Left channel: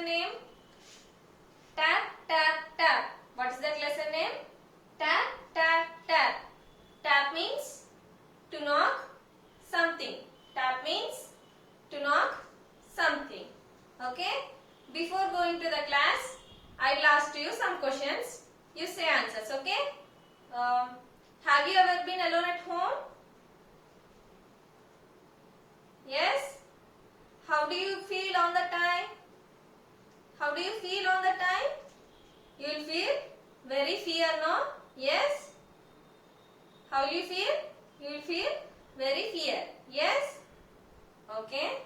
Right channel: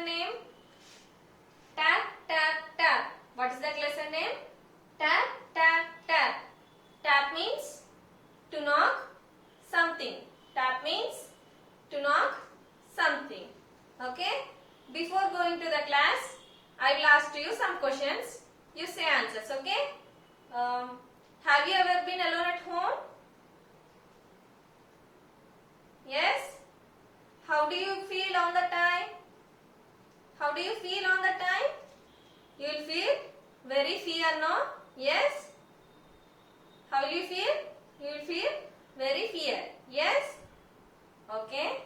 lesson name? Tap, tap, tap. What is that lesson name? Tap, tap, tap. Tap means to knock something. Tap means to knock something. Okay? Before going to the class, I will ask you some questions. You say answers. Okay? Have you ever been alone at home? Yes? How do you feel on the time? How do you feel on the time? You will feel very fear, no? Yes? How will you feel? You will feel very fear. Yes? Okay.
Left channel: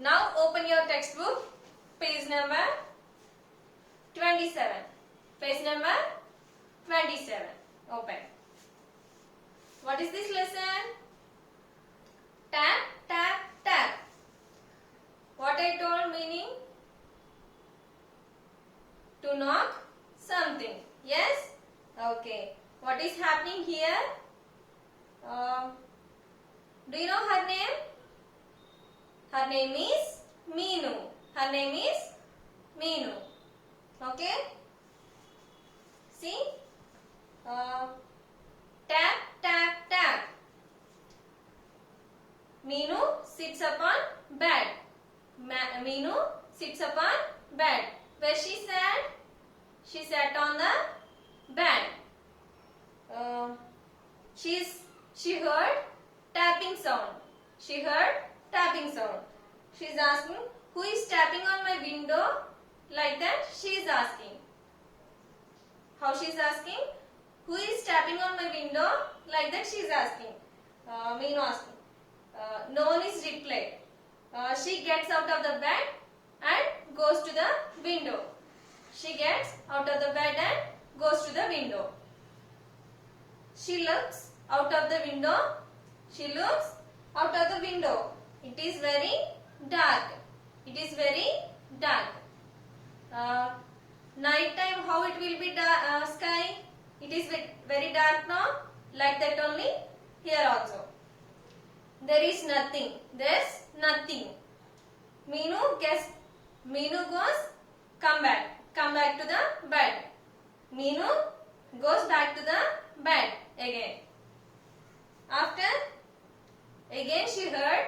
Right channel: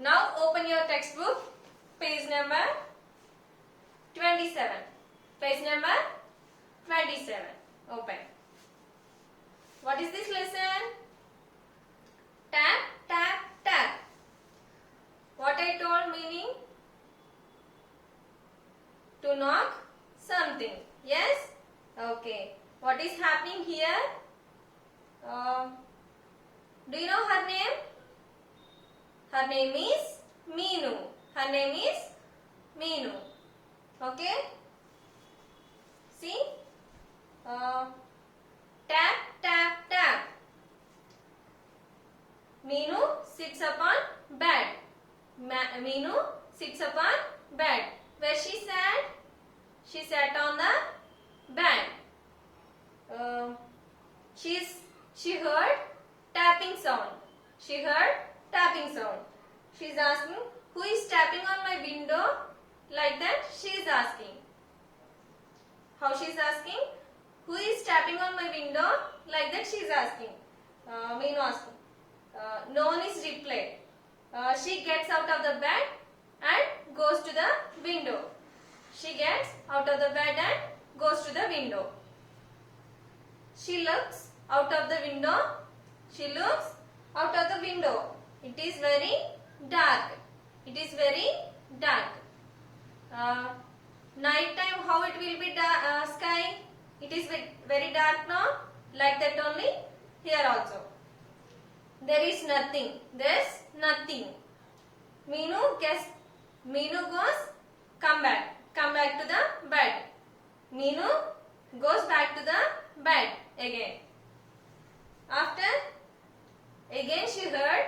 Now open your textbook, page number 27. Page number 27. Open. What is this lesson? Tap, tap, tap. What I told meaning? To knock something. Yes? Okay. What is happening here? Do you know her name? Her name is Meenu. Her name is Meenu. Okay? See? Tap, tap, tap. Meenu sits upon bed. Meenu sits upon bed. Where she sat? She sat on the bed. She heard tapping sound. She heard tapping sound. She is asking, who is tapping on my window? Like that she is asking. How she is asking? Who is tapping on my window? Like that she is asking. Meenu asking. No one is replied. She gets out of the bed and goes to the window. She gets out of the bed and goes to the window. She looks out of the window. She looks out of the window. It is very dark. It is very dark. Night time, how it will be sky? It is very dark now. Like that only here also. There is nothing. There's nothing. Meenu goes, come back to the bed. Meenu goes back to the bed again. After, again she heard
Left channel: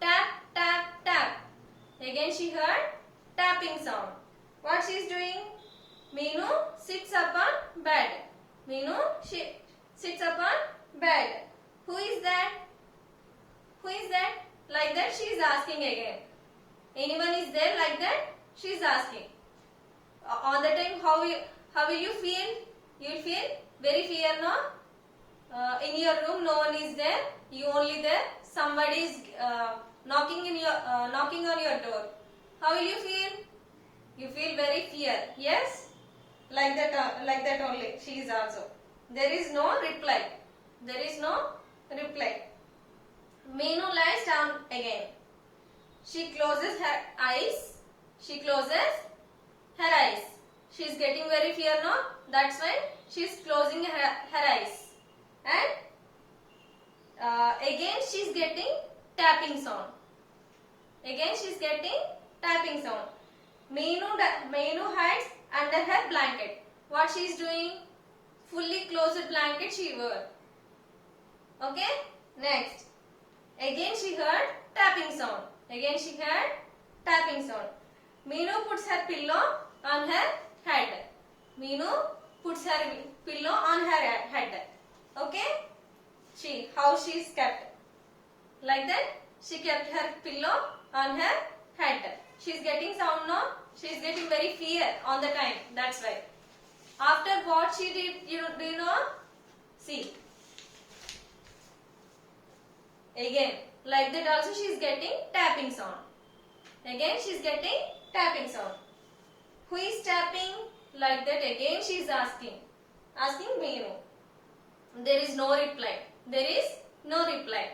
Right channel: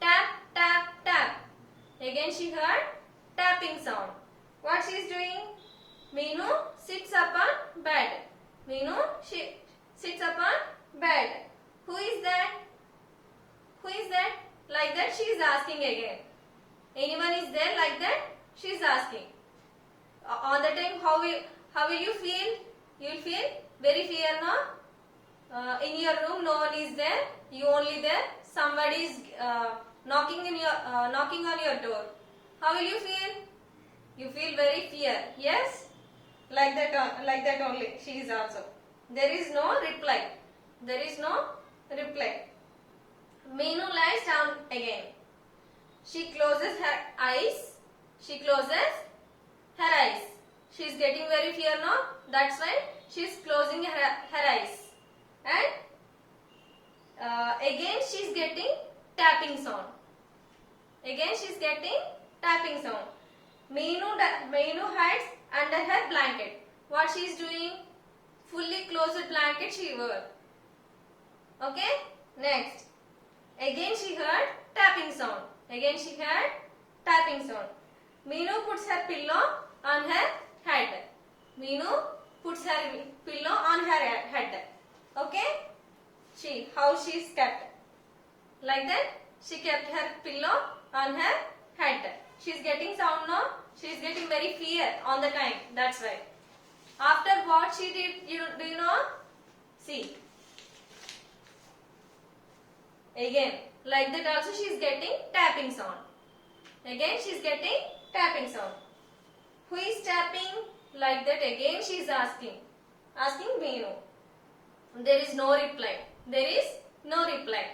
tap, tap, tap. Again she heard tapping sound. What she is doing? Meenu sits upon bed. Meenu sits upon bed. Who is that? Who is that? Like that she is asking again. Anyone is there like that? She is asking. On the time, how will you feel? You will feel very fear, no? In your room, no one is there. You only there. Somebody is knocking on your door. How will you feel? You feel very fear. Yes, like that only. She is also. There is no reply. There is no reply. Meenu lies down again. She closes her eyes. She closes her eyes. She is getting very fear, no? That's why she is closing her eyes. And again she is getting tapping sound. Again she is getting tapping sound. Meenu hides under her blanket. What she is doing? Fully closed blanket she wore. Okay? Next. Again she heard tapping sound. Again she heard tapping sound. Meenu puts her pillow on her head. Meenu puts her pillow on her head. Okay? How she is kept. Like that, she kept her pillow on her head. She is getting sound, no? She is getting very fear on the time. That's right. After what she did, do you know? See. Again, like that also she is getting tapping sound. Again she is getting tapping sound. Who is tapping? Like that again she is asking. Asking Meenu. There is no reply. There is no reply.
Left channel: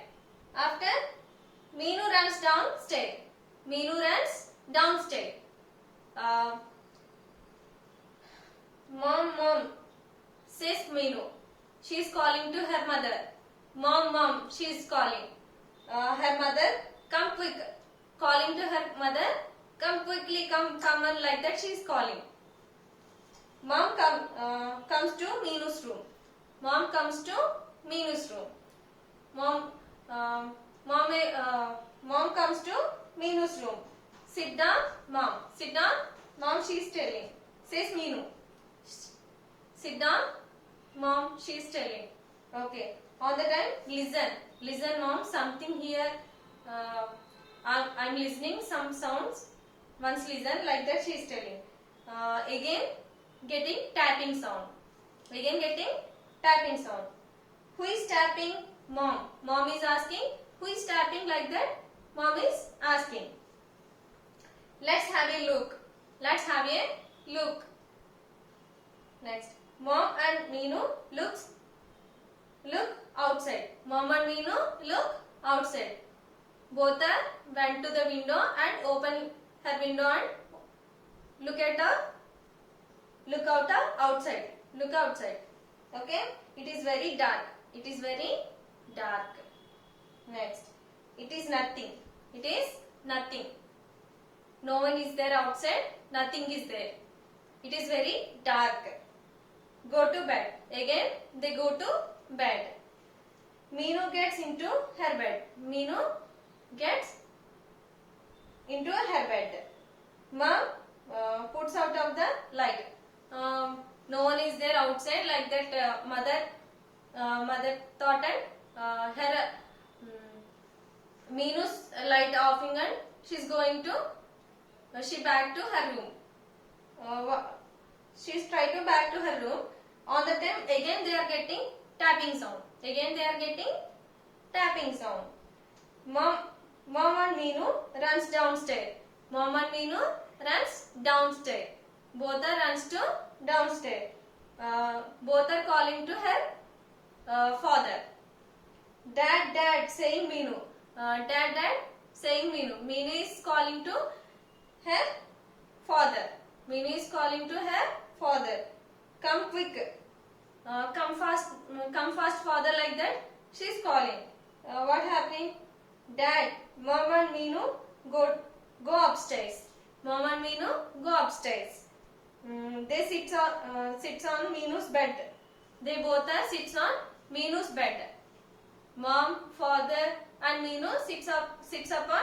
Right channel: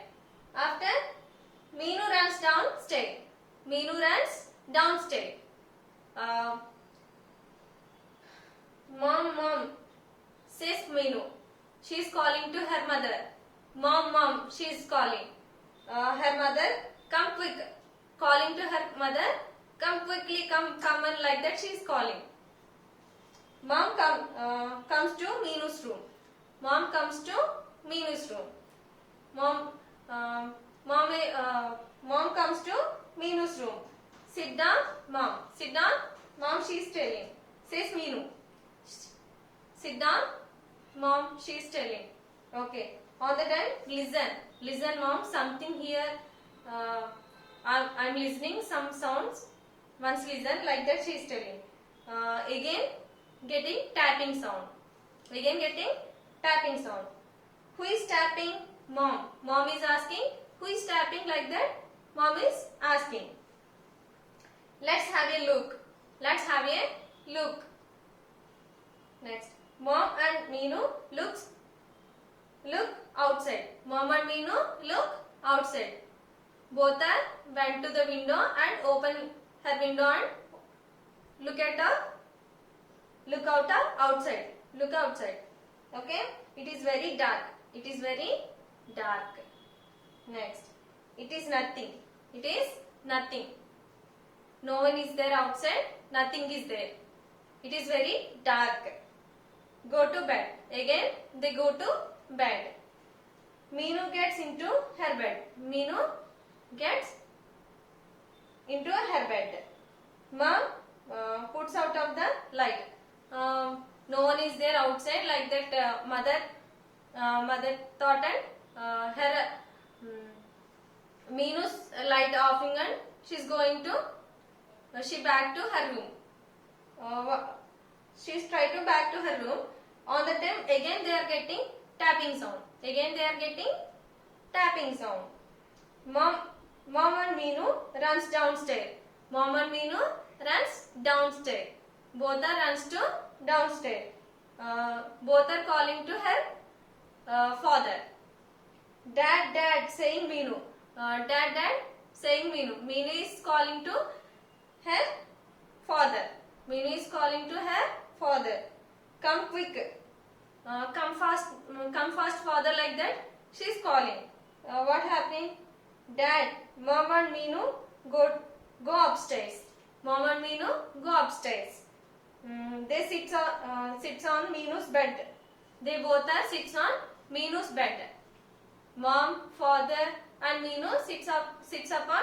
After, Meenu runs downstairs. Meenu runs downstairs. Mom, says Meenu. She is calling to her mother. Mom, she is calling. Her mother, come quick. Calling to her mother, Come quickly, come on, like that she is calling. Mom comes to Meenu's room. Mom comes to Meenu's room. Mom, uh, mom comes to Meenu's room. Sit down, mom. Sit down, mom. She is telling. Says Meenu. Sit down, mom. She is telling. Okay. All the time, listen, mom. Something here. I'm listening some sounds. Once listen, like that she is telling. Again, getting tapping sound. Again, getting tapping sound. Who is tapping? Mom. Mom is asking. Who is tapping, like that? Mom is asking. Let's have a look. Let's have a look. Next. Mom and Meenu look outside. Mom and Meenu look outside. Both are went to the window and open her window and look out outside. Look outside. Okay. It is very dark. It is very dark. Next. It is nothing. It is nothing. No one is there outside. Nothing is there. It is very dark. Go to bed. Again, they go to bed. Meenu gets into her bed. Meenu gets into her bed. Mom puts out of the light. No one is there outside, like that. Mother thought and her Meenu's light offing and she's going to she back to her room. She's trying to back to her room. On the time again they are getting tapping sound. Again they are getting tapping sound. Mom and Meenu runs downstairs. Mom and Meenu runs downstairs. Both are runs to downstairs. Both are calling to her father. Dad, saying Meenu. Dad, saying Meenu. Meenu is calling to her father. Meenu is calling to her father. Come quick. Come fast, father, like that. She is calling. What happened? Dad, Mom and Meenu go upstairs. Mom and Meenu go upstairs. They sits on Meenu's bed. They both are sits on Meenu's bed. Mom, father, and Meenu sits up on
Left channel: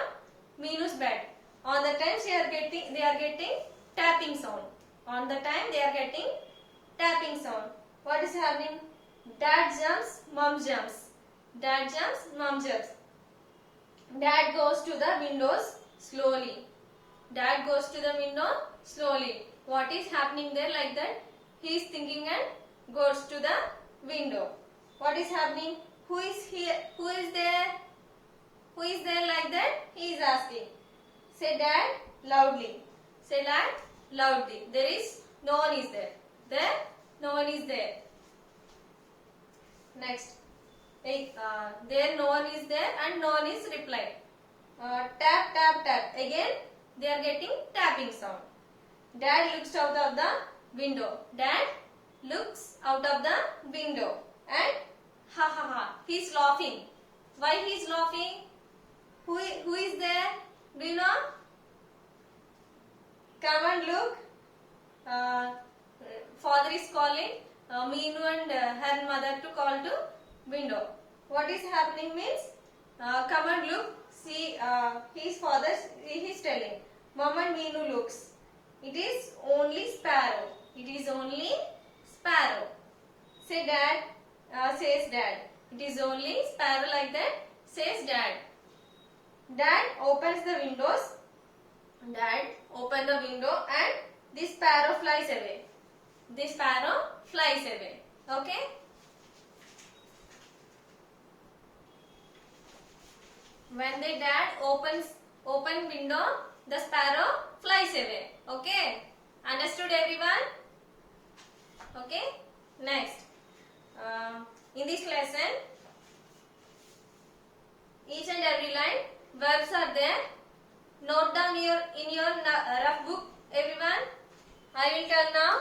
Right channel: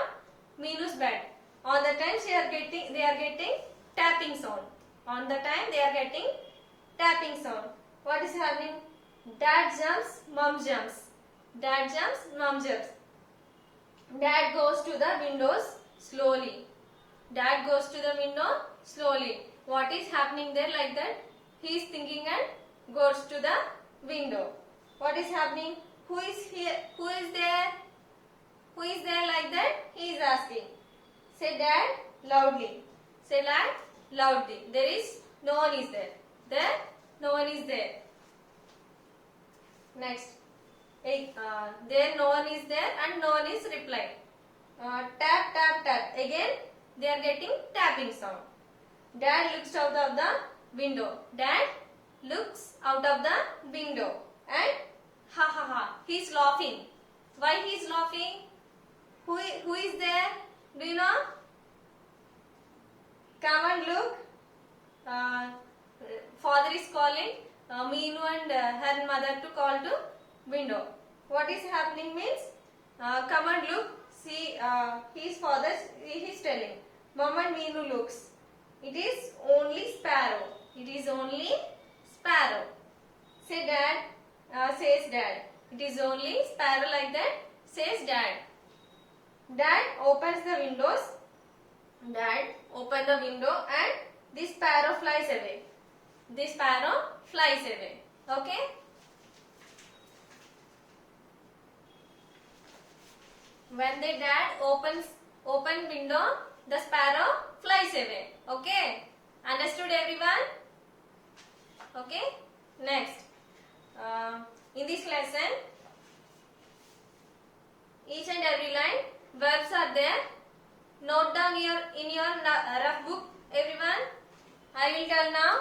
Meenu's bed. On the time they are getting tapping sound. On the time they are getting tapping sound. What is happening? Dad jumps, mom jumps. Dad jumps, mom jumps. Dad goes to the windows slowly. Dad goes to the window slowly. What is happening there, like that? He is thinking and goes to the window. What is happening? Who is here? Who is there? Who is there, like that? He is asking. Say Dad loudly. Say Dad loudly. There is no one is there. There no one is there. Next. There no one is there and no one is replying. Tap, tap, tap. Again they are getting tapping sound. Dad looks out of the window. Dad looks out of the window and ha ha ha. He is laughing. Why he is laughing? Who is there? Do you know? Come and look. Father is calling Meenu and her mother to call to window. What is happening means come and look. See, his father is telling. Mom and Meenu looks. It is only sparrow. It is only sparrow. Say Dad. Says Dad. It is only sparrow, like that. Says Dad. Dad opens the windows. Dad open the window and this sparrow flies away. This sparrow flies away. Okay. When the dad open window, the sparrow flies away. Okay. Understood, everyone? Okay. Next. In this lesson, each and every line verbs are there. Note down in your rough book, everyone. I will tell now.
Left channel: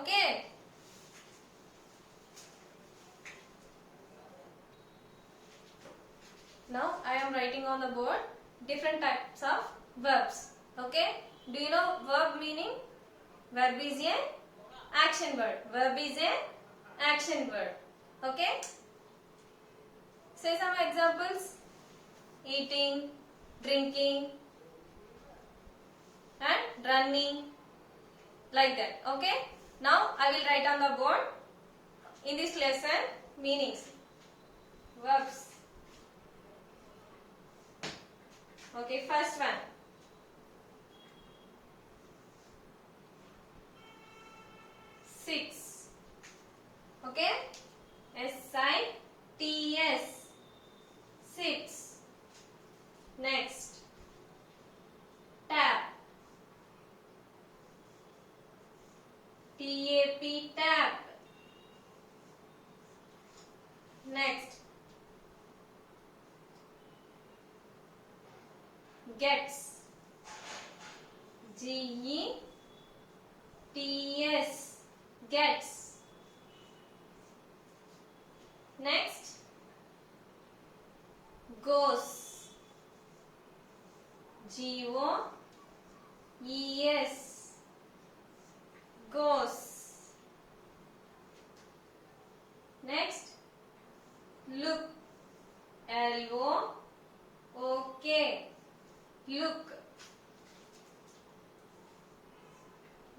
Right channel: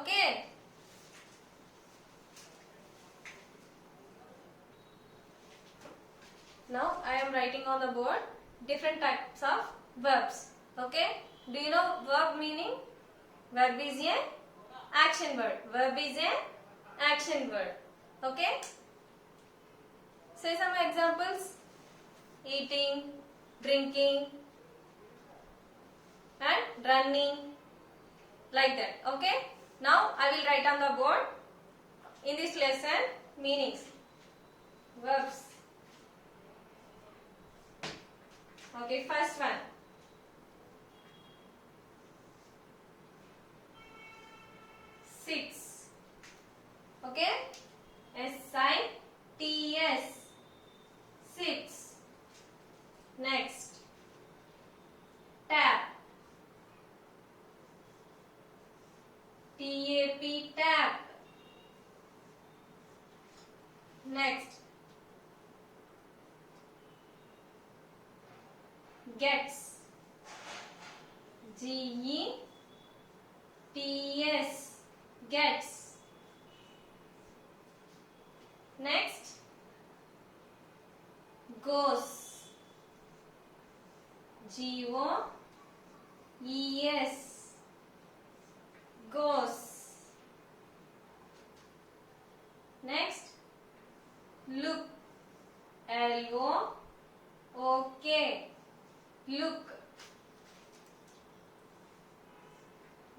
Okay. Now I am writing on the board different types of verbs. Okay. Do you know verb meaning? Verb is a action word. Verb is a action word. Okay? Say some examples. Eating, drinking, and running. Like that. Okay? Now I will write on the board in this lesson meanings. Verbs. Okay, first one. Sits. Okay? S-I-T-S. Sits. Next. Tap. T-A-P. Tap. Next. Gets. G-E-T-S. Gets. Next. Goes. G-O-E-S. Goes. Next. Look. L-O-O-K. Look.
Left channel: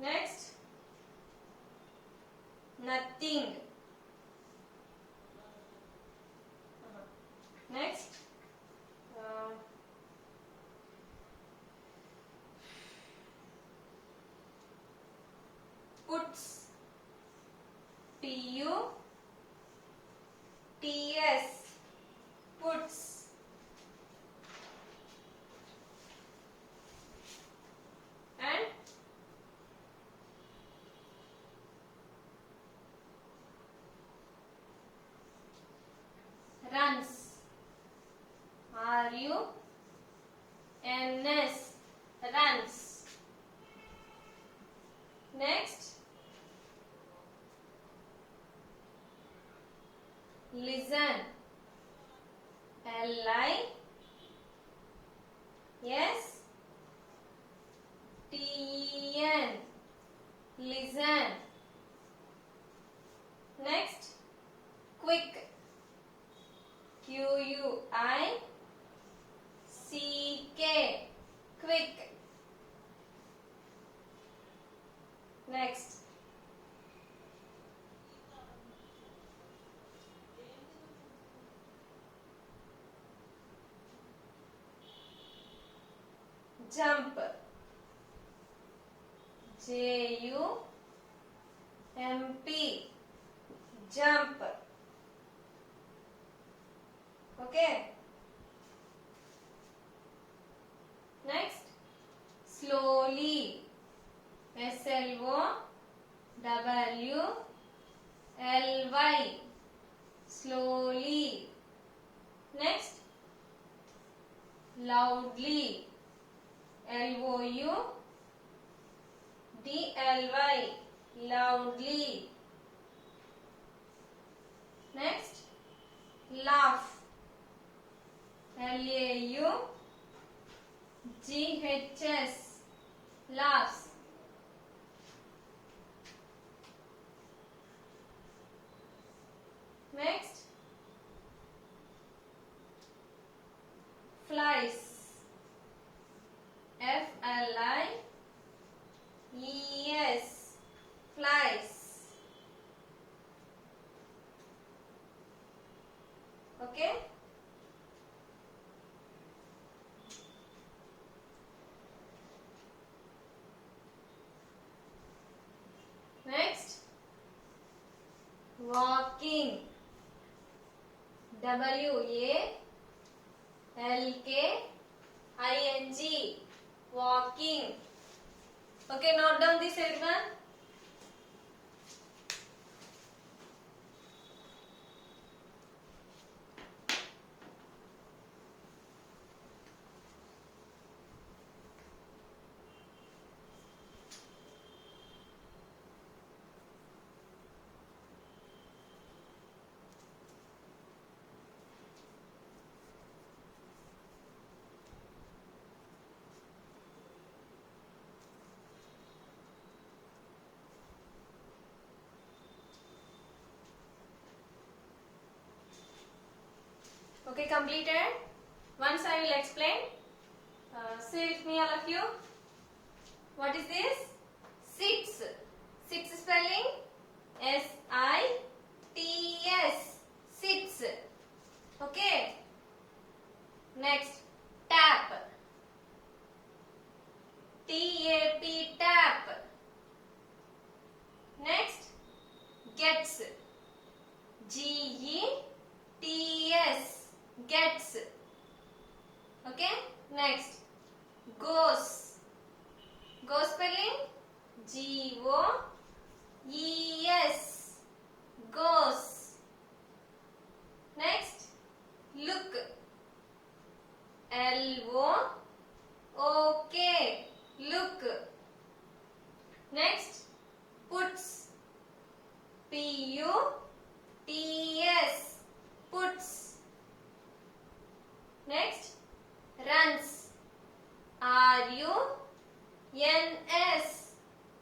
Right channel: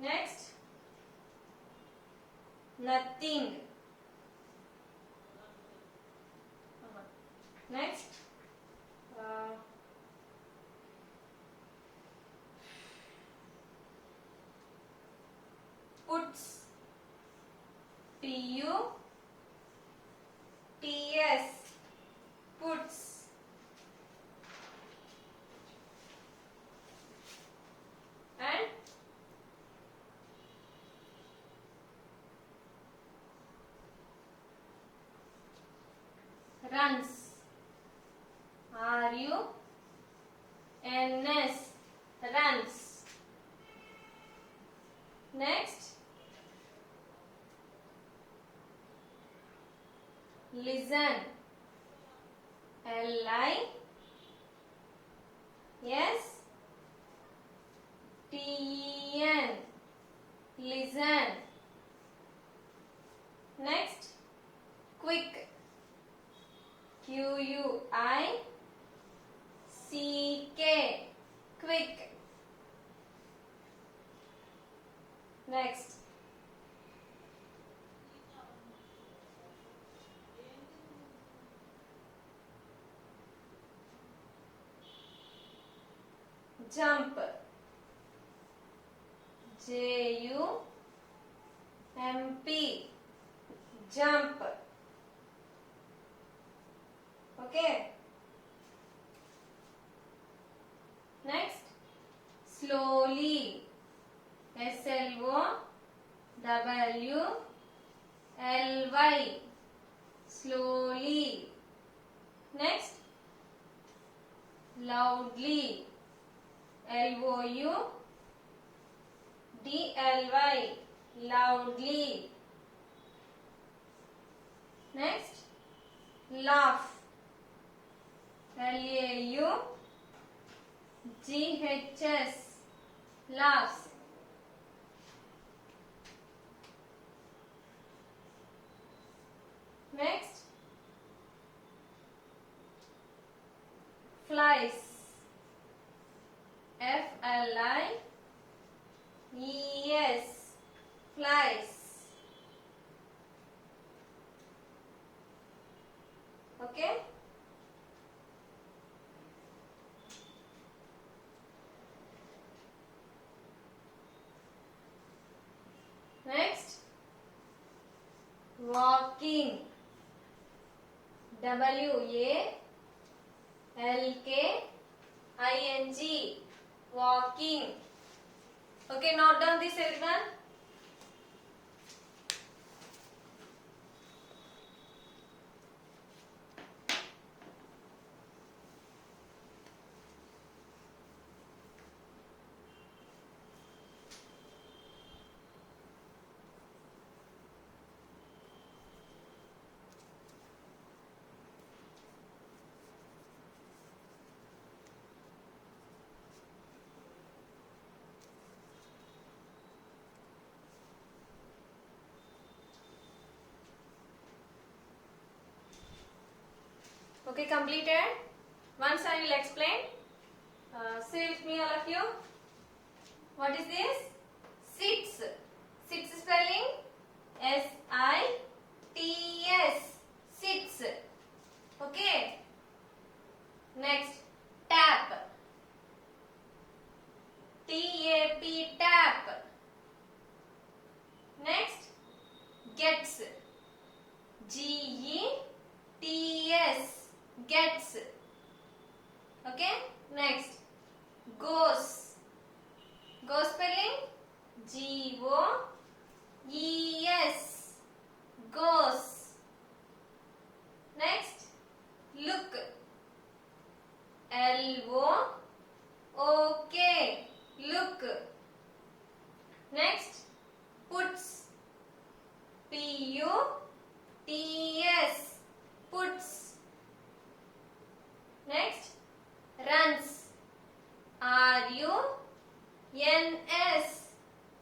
Next. Nothing. Next. Puts. P-U-T-S. Puts. And runs. R-U-N-S. Runs. Next. Listen. L-I-S-T-E-N. Listen. Next. Quick. Q-U-I-C-K. Quick. Next. Jump. J-U-M-P. Jump. Okay. Next. Slowly. S-L-O-W-L-Y. Slowly. Next. Loudly. L-O-U-D-L-Y. Loudly. Next. Laugh. L-A-U-G-H-S. Laughs. Next. Flies. F-L-I-E-S. Flies. Okay. Next. Walking. W-A-L-K-I-N-G. Walking. Okay, note down this everyone. Okay, completed. Once I will explain. Say with me, all of you. What is this? Sits. Sits spelling S-I-T-S. Sits. Okay. Next, tap. T-A-P, tap. Next, gets. G-E-T-S, gets. Okay. Next, goes. Go spelling G-O-E-S, goes. Next, look. L-O-O-K, look. Next, puts. P-U-T-S, puts. Next, runs. R-U-N-S,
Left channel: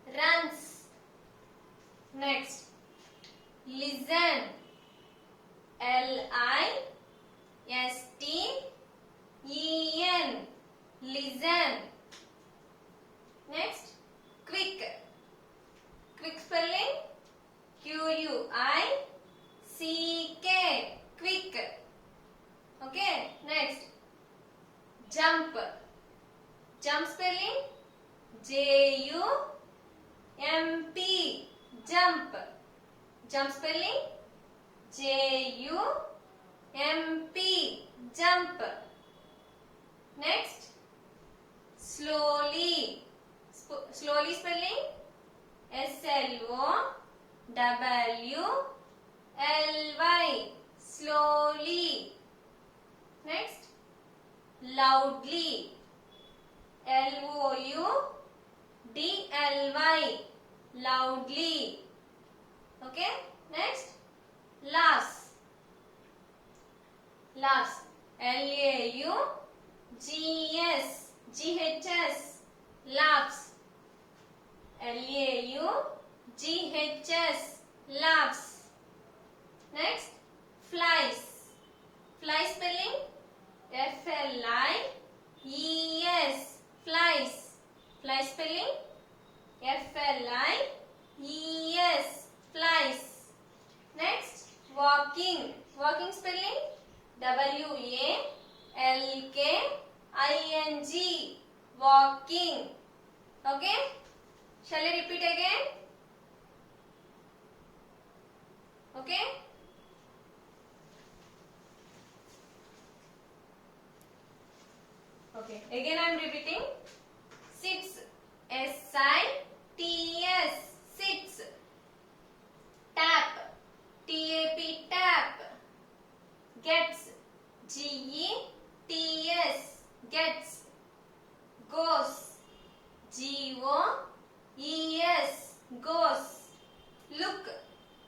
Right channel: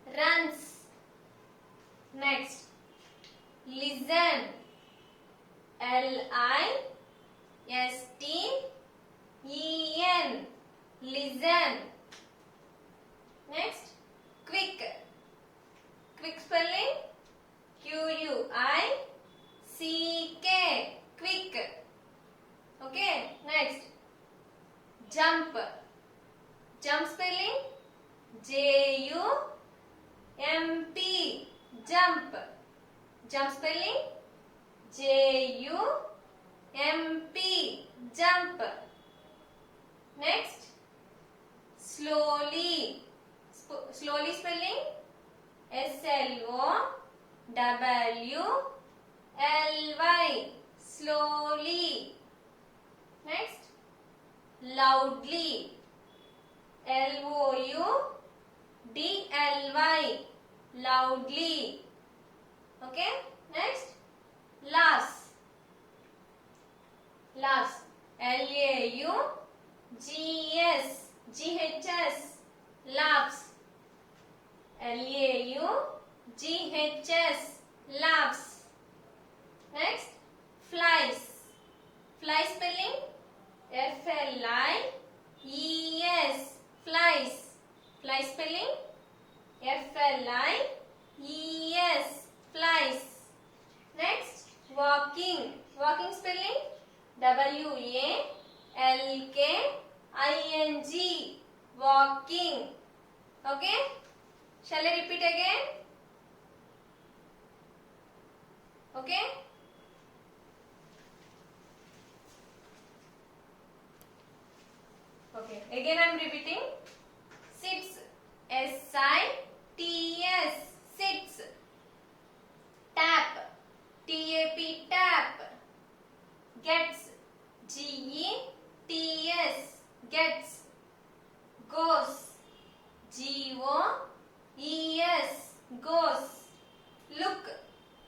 runs. Next, listen. L-I-S-T-E-N, listen. Next, quick. Quick spelling Q-U-I-C-K, quick. Okay. Next, jump. Jump spelling J-U-M-P, jump. Jump spelling J-U-M-P, jump. Next, slowly. Slowly spelling S-L-O-W-L-Y, slowly. Next, loudly. L-O-U-D-L-Y, loudly. Okay. Next, laughs. Laughs. L-A-U-G-S, G-H-S, laughs. L-A-U-G-H-S, laughs. Next, flies. Fly spelling F-L-I-E-S, flies. Fly spelling F-L-I-E-S, flies. Next, walking. Walking spelling W-A-L-K-I-N-G, walking. Okay. Shall I repeat again? Okay. Okay. Again I am repeating. Sits. S-I-T-S, sits. Tap. T-A-P, tap. Gets. G-E-T-S, gets. Goes. G-O-E-S, goes. Look.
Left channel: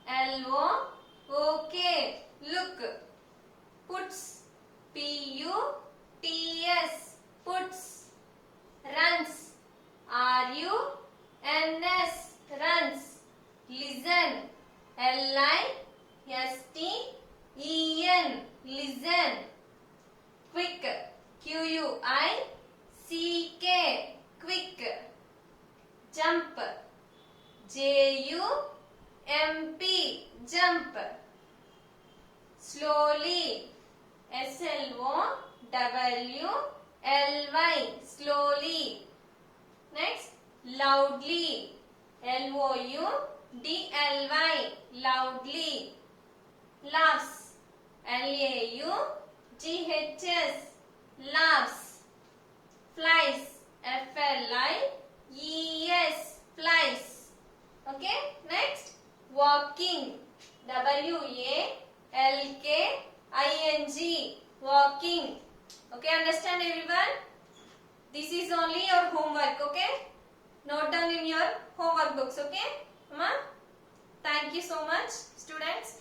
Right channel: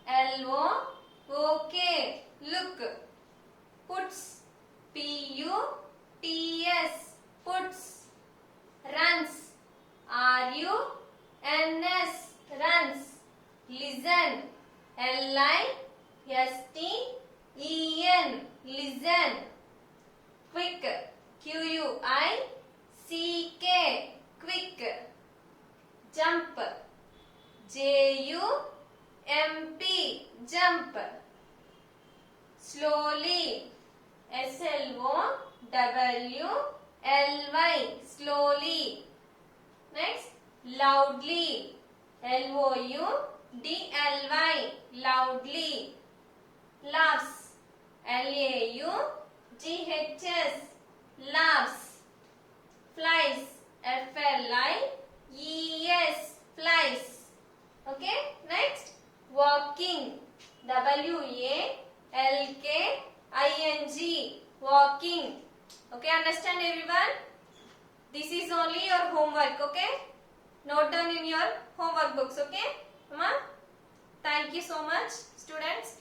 L-O-O-K, look. Puts. P-U-T-S, puts. Runs. R-U-N-S, runs. Listen. L-I-S-T-E-N, listen. Quick. Q-U-I-C-K, quick. Jump. J-U-M-P, jump. Slowly. S-L-O-W-L-Y, slowly. Next, loudly. L-O-U-D-L-Y, loudly. Laughs. L-A-U-G-H-S, laughs. Flies. F-L-I-E-S, flies. Okay. Next, walking. W-A-L-K-I-N-G, walking. Okay, understand everyone? This is only your homework, okay? Note down in your homework books, okay? Thank you so much, students.